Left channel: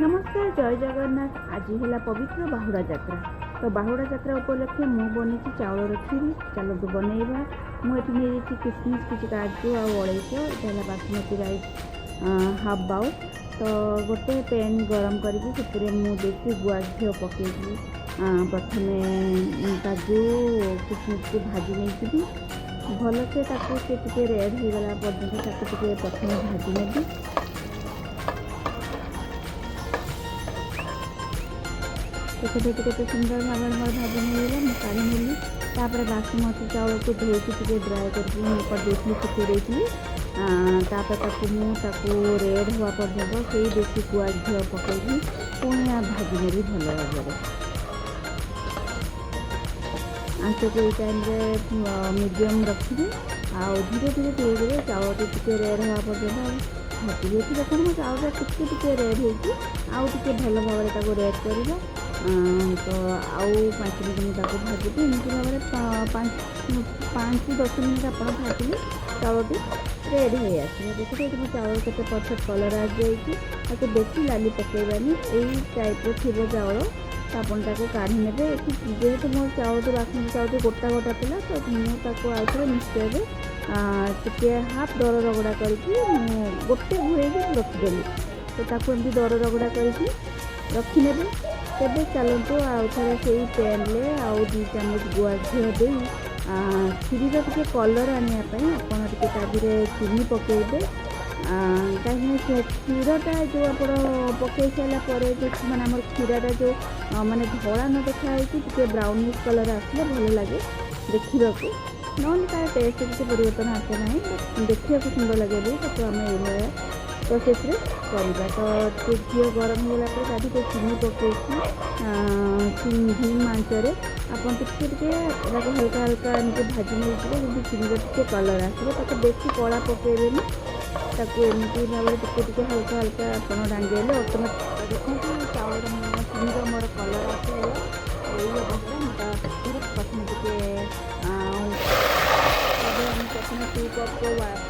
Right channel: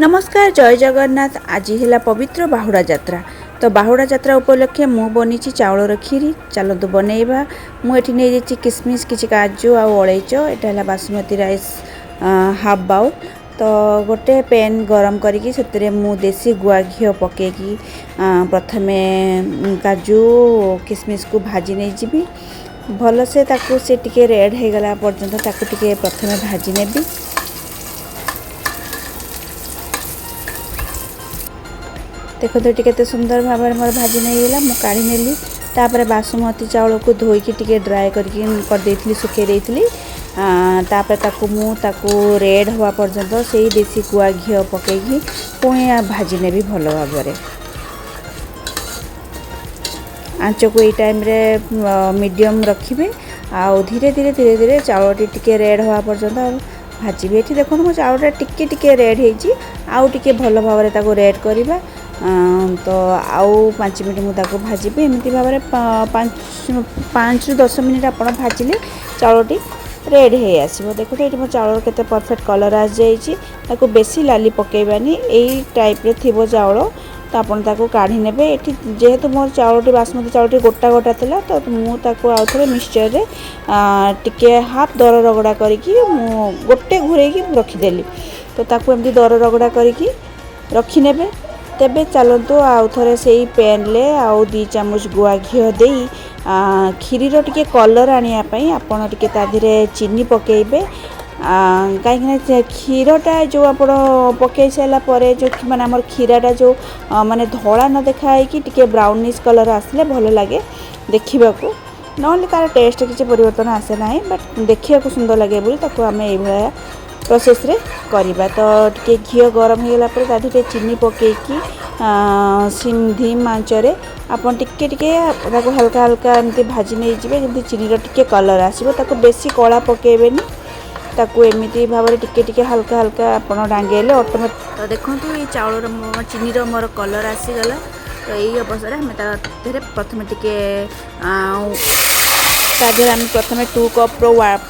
नमस्कार जय जगन्नाथ। आज है पवित्र बाहुड़ा यात्रा। तो बाहुड़ा यात्रा उपलक्षे मु बनी चाउलर खीरी। चलतु बनइबा। मुझे नहीं जाइए किसमिश किसी काजू आ अलैच। यहाँ है बासमती राइस हाफ बाउल। तो गोटे पैन गरम करके देसी गुआ घी पकईकी प्रथमे काजू किसमिश को भाजी नहीं जी भल से टे रेड हो गला पर्यंत प्रथमे भाजी नेबी। देखो तो केते सुंदर भाव में मोर भाजी नहीं गला मु काढ़ी नेली। तापर बासमती चाउल को धोईकी टिके ड्राई कर सुखे देइथिली। तापर ताकू रेड हवा पर्यंत से देसी गुआ घी पकईकी पुणी भाजी नेबी भल भाव में। आंच को ये टाइम रे मीडियम रखिए। आउ धीरे धीरे धीरे धीरे चाउल टिके रेड हवा पर्यंत भाजी। ये देखो मो चाउल टिके टिके रेड होती आउ टिके भल भाव में ताको रेड करवा। तो आउ 5 मिनट मुझे भाजी एमती भाव में 5 ରୁ 10 मिनट आप भाजिले चाउलटी रेड हो आसो। देखो तो ये मो चाउल के परफेक्ट कलर आ जाइए। बेसी लाली पकेबानी यही टाइप रे थी चाउल। तो आपको काढ़ी ने जेहेतु मो चाउलटी बासमती चाउलटी गोटा गोटा था तो मुझे आउ थे मिक्सचर रे टिके हाफ दर रगड़ा करके गोटे घूरे रखीदेली। तो ताकू एमती दर रगड़ा करके रखीने। तेबे चलतु आउ थे से पैन ले आउ 2 चामच गुआ घी दे खीरीर टिके कलर आने आपड़ टे ताधीरे चीनी पकेबे। कहीं क्षीरटा जो आप पकई सारापर जो माने आम क्षीराटा जो माने धला न देखाई कि टिके ब्राउनिश कलर आसले भल लगे देखा ना तार टेस्ट किसी परिवर्तन आसे ना बट देखा सुंदर लगे बोली आम ये प्रोसेस रे करवा। तो टे घी गरम हो गला ताधीरे चीनी पकईकी सिम धीम आंचरे आपन टिके टिके हल्का हल्का एमती भाजी नहीं जी जमी चीनी टिके कलर आसो। बेसी कला पकेबेनी एमती भाव में टिके टिके हल्का हल्का आपड़ डांगेले ऑटोमेटिक। तो देखो ये चाउल चीनी मोर कलर आसीगला। तो यही अवस्था में प्रथम टिके प्रथम 2 कप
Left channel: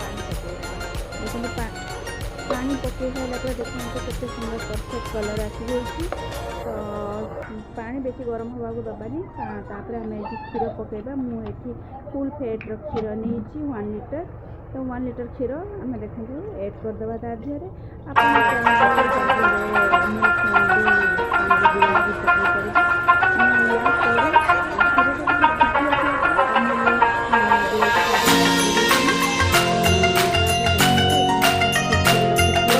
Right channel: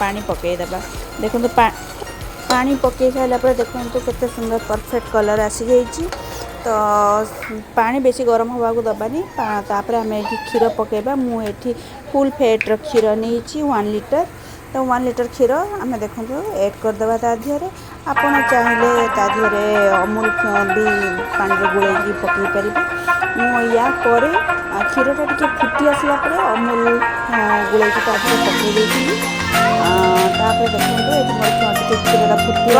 पानी पकईदेवा। देखो पानी पकई सारापर देखो केते सुंदर परफेक्ट कलर आसी जाइए। तो पानी बेसी गरम हवा को दबानी। तापर आम ये क्षीर पकईबा। मुझे फुल फैट क्षीर नहीं 1 लीटर। तो 1 लीटर क्षीर आम देखो ऐड करदे तादिहरे आप चाहिए तादिहरे अमूल भी पानी गोलैकी पकई पारे। या क्षीरटा टे फुटी आसला अमूल गोलैकी पकई देखो क्षीरटा फुटी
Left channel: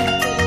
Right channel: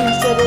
मिक्सचर